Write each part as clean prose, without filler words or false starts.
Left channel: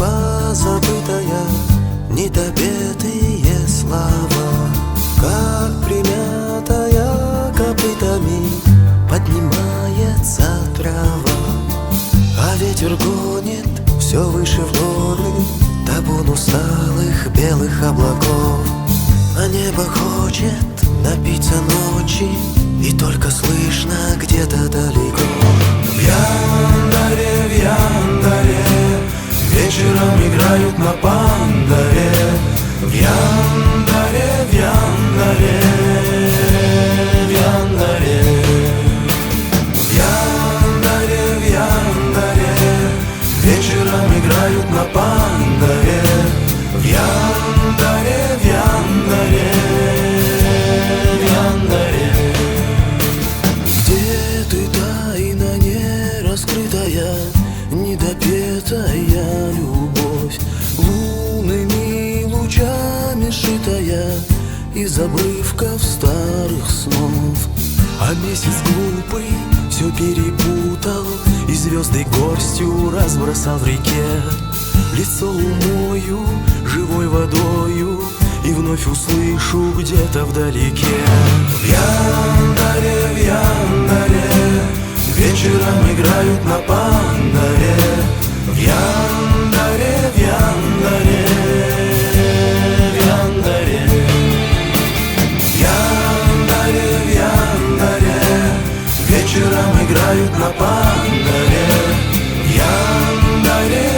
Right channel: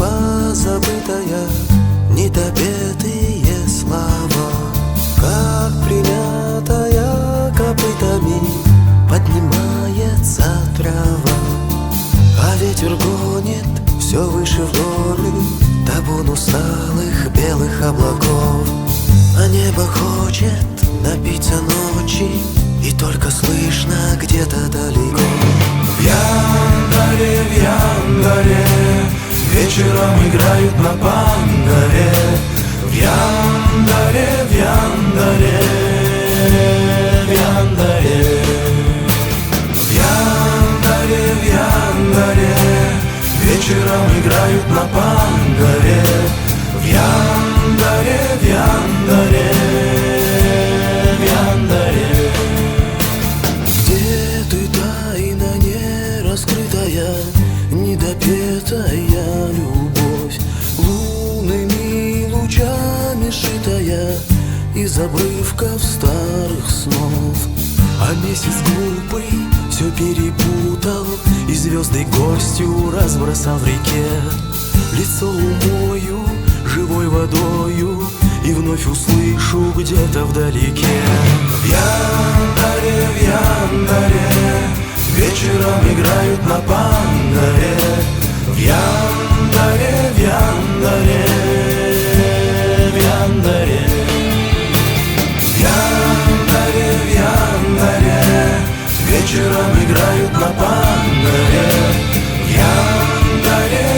позабытая, недопетые слова, как примятая копытами поднимается трава. А ветер гонит все выше в горы табун усталых белых облаков. А небо хочет напиться ночи, и только слышно где-то далеко. В Яндаре вечером играют на пандаре. В Яндаре вечером играют на пандаре. В Яндаре Где ты, тайна не раскрытая, недопетая любовь, лунными лучами шитая из обрывков старых снов? А месяц глупый все перепутал и звезды горстью разбросал в реке. Лицо умою живой водою и вновь услышу где-то вдалеке. В Яндаре вечером играют на пандаре. В Яндаре вечером играют на пандаре. В Яндаре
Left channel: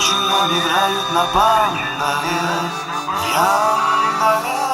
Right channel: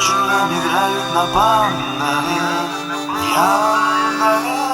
вечером играют на пандаре. В Яндаре